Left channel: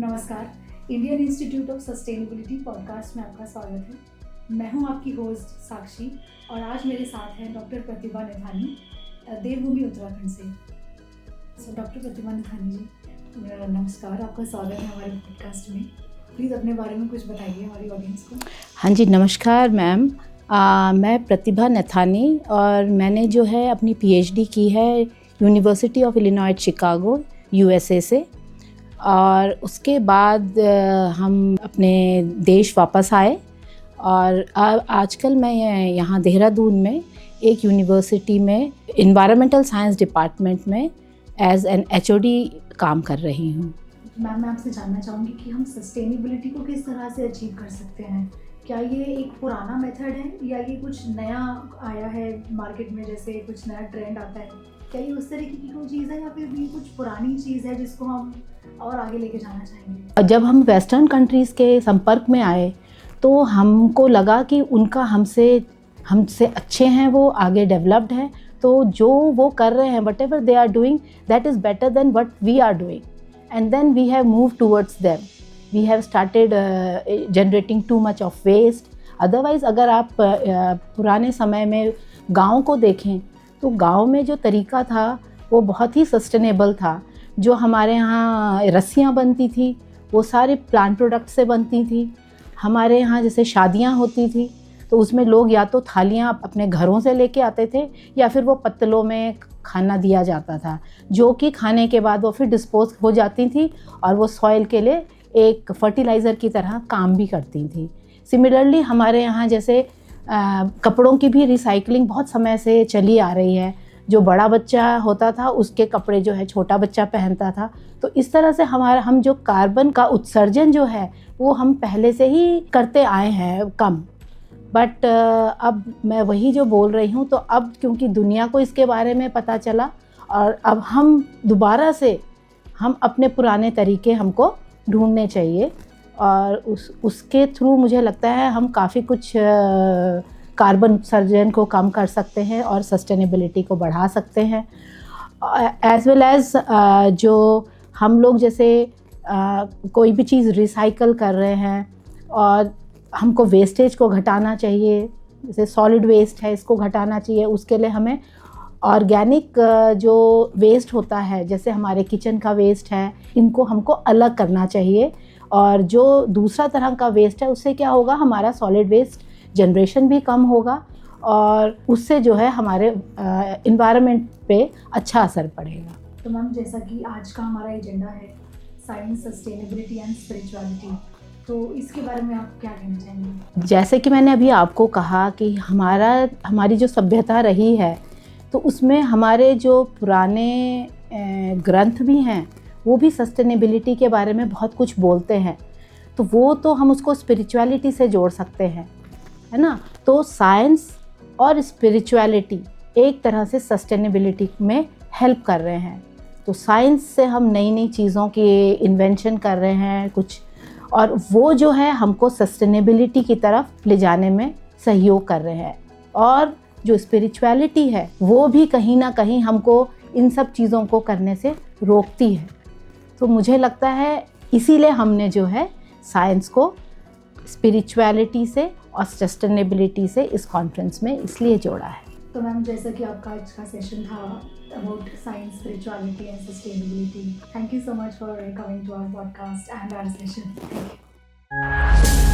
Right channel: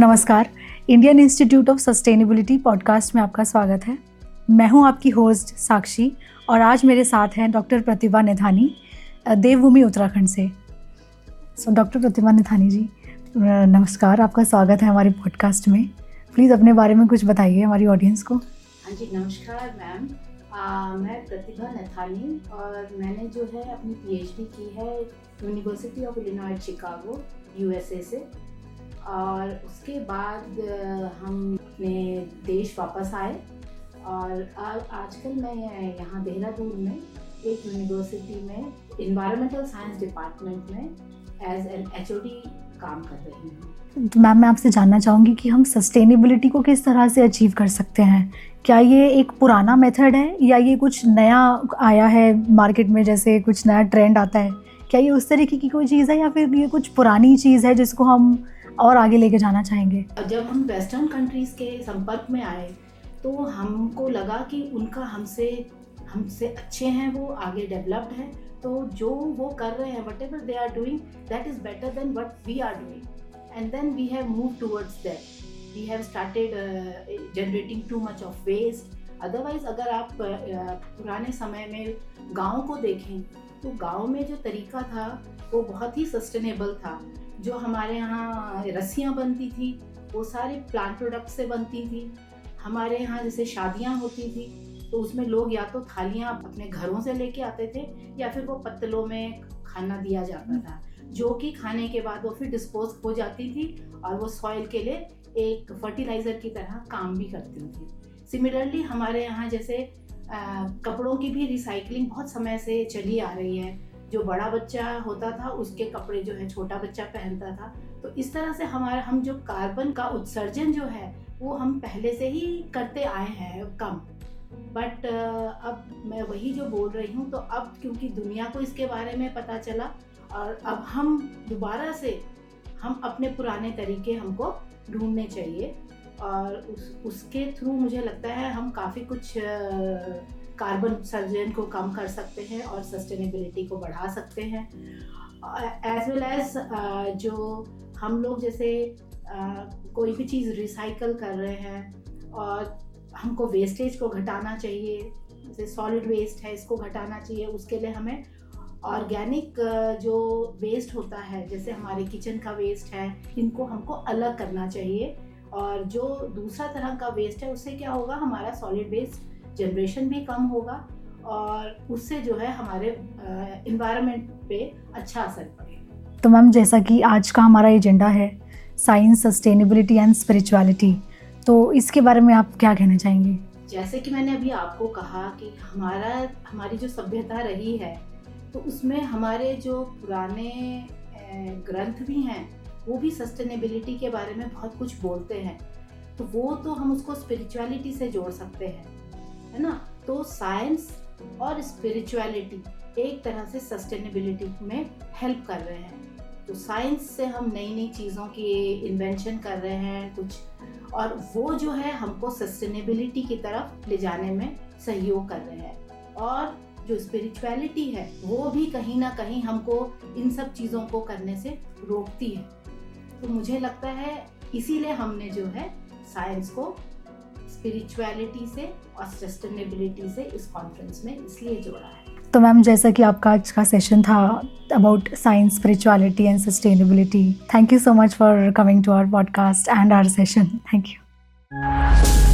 नमस्कार, Indian institute of sustainability podcast में आपका स्वागत है। मैं हूं आपकी होस्ट साक्षी और आज मेरे साथ हैं डॉक्टर प्रतिभा नेथानी, देवभूमि उत्तराखंड से। डॉक्टर प्रतिभा नेथानी जी, नमस्कार, आपका स्वागत है हमारे पॉडकास्ट में। प्लीज़ अपने बारे में कुछ बताइए हमारी ऑडियंस को। हाँ जी, नमस्कार मैम। मैं प्रतिभा नेथानी और मैंने जो है अपनी पीएचडी की है university of Illinois Chicago USA से, और उसके बाद हम अपने देश वापस आए और आजकल मैं यहाँ देहरादून में एक यूनिवर्सिटी में इन्वायरमेंटल साइंस डिपार्टमेंट में एज एन एचओडी काम कर रही हूँ। तो मैम, मैं आपसे जानना चाहूँगी कि हम सस्टेनेबिलिटी को किस तरह से अचीव कर सकते हैं। क्या ये एक पुराना मेथड है या ये कुछ नया आया है मार्केट में, जैसे कुछ नया ट्रेंड आता है? क्या ये उस तरीके की कोई चीज़ है या फिर ये कुछ पुरानी चीज़ है जिसको हम और आगे लेके जाना चाहेंगे? जब हम वेस्टर्न कंट्रीज़ के संपर्क में आए तो हमको लगा कि उनका हमसे अच्छे हैं, वो आगे डेवलप्ड हैं, तो जो वो कर रहे हैं, whatever they are doing, that is better than what we are doing, and then we have move towards them. We have started generating too much of waste. Otherwise अगर आप पुराने समय में गाँव को देखें तो गाँव में जो तरीका था वो बहुत ही सस्टेनेबल था। जो हमारे यहाँ रस्सियाँ बनती थी वो सारे प्लांट प्रोडक्ट से बनती थी। हमारे यहाँ जैसे शादियाँ होती थी तो उसमें लोग या तो थालियाँ अपने घरों से लेके आते थे या फिर वो पत्तलों में खाना दिया जाता था, जो कि खाने के बाद वो फिर डिस्पोज हो जाती थी और वो सॉइल के लिए एक फर्टिलाइज़र की तरह काम भी करती थी। सिमिलरली हमारे यहाँ जैसे कपड़ों की भी रिसाइकलिंग बहुत समय से चली आ रही है। जो बड़ा बच्चा होता था उसके कपड़े जो है छोटा बच्चा पहनता था। तो इस तरह से हम जो कार्बन का उत्सर्जन जो है वो हम पहले से ही करते आए हैं कम। बट अब मैं वही जो बोल रही हूँ, तो अब क्योंकि दुनिया को इसके बारे में पता चला और अब हम दोबारा से हम अपने पुराने तरीके हमको ढूंढने चाहिए और उसके थ्रू मुझे लगता है हम काफ़ी कुछ कार्बन उत्सर्जन को कम कर सकते हैं और सस्टेनेबिलिटी को बढ़ा सकते हैं। एज वेल एज जो हम लोग जैसे कोई भी चीज़ रिसाइकल कर रहे हैं और हमको वेस्टेज को घटाना चाहिए, जैसे सॉलिड वेस्ट है इसको घटाना चाहिए। उसके लिए हमें ऑर्गेनिक जो वेस्ट होता है, जैसे हमारे किचन का वेस्ट है, इनको हमको अलग करना चाहिए। और जो दूसरा तरह का वेस्ट है उससे क्या होगा, हमारा सॉलिड वेस्ट जनरेशन भी कम होगा और उससे जो है हमारे इन्वायरमेंट पे अच्छा असर पड़ेगा। तो मैम, जैसा कि आज का हमारा एजेंडा है साइंस, सस्टेनेबिलिटी एंड स्पिरिचुअलिटी, तो इसके बारे में आप क्या कहना चाहेंगे? जैसे कि मैंने अभी आपको कहा कि हमारी जो सभ्यता रही है तो उसमें हमारे जो पुराने ग्रंथ भी हैं वो भी सस्टेनेबिलिटी के बारे में बहुत कुछ बोलते हैं। तो वो तो हम उसको स्पिरिचुअलिटी से जोड़ सकते हैं, है ना। तो साइंस और स्पिरिचुअलिटी एक तरह से सस्टेनेबिलिटी में हेल्प कर रहे हैं। तो साइंस से हम नई नई चीज़ों की इन्वेंशन कर रहे हैं कुछ, और वो जो है हमको सस्टेनेबिलिटी की तरफ ले जाने में सहयोग कर रहे हैं। और जो स्पिरिचुअलिटी है वो भी कहीं ना कहीं हमको इन सब चीज़ों को करने से रोकती है। तो मुझे लगता है इसीलिए हमने जो है साइंस को स्पिरिचुअलिटी से और सस्टेनेबिलिटी से इस कॉन्फ्रेंस में इसलिए जोड़ा है। तो मैम, जैसा कि आपका आज का सेशन था about science, spirituality and sustainability, thank you so much for coming to our podcast and our session. Thank you.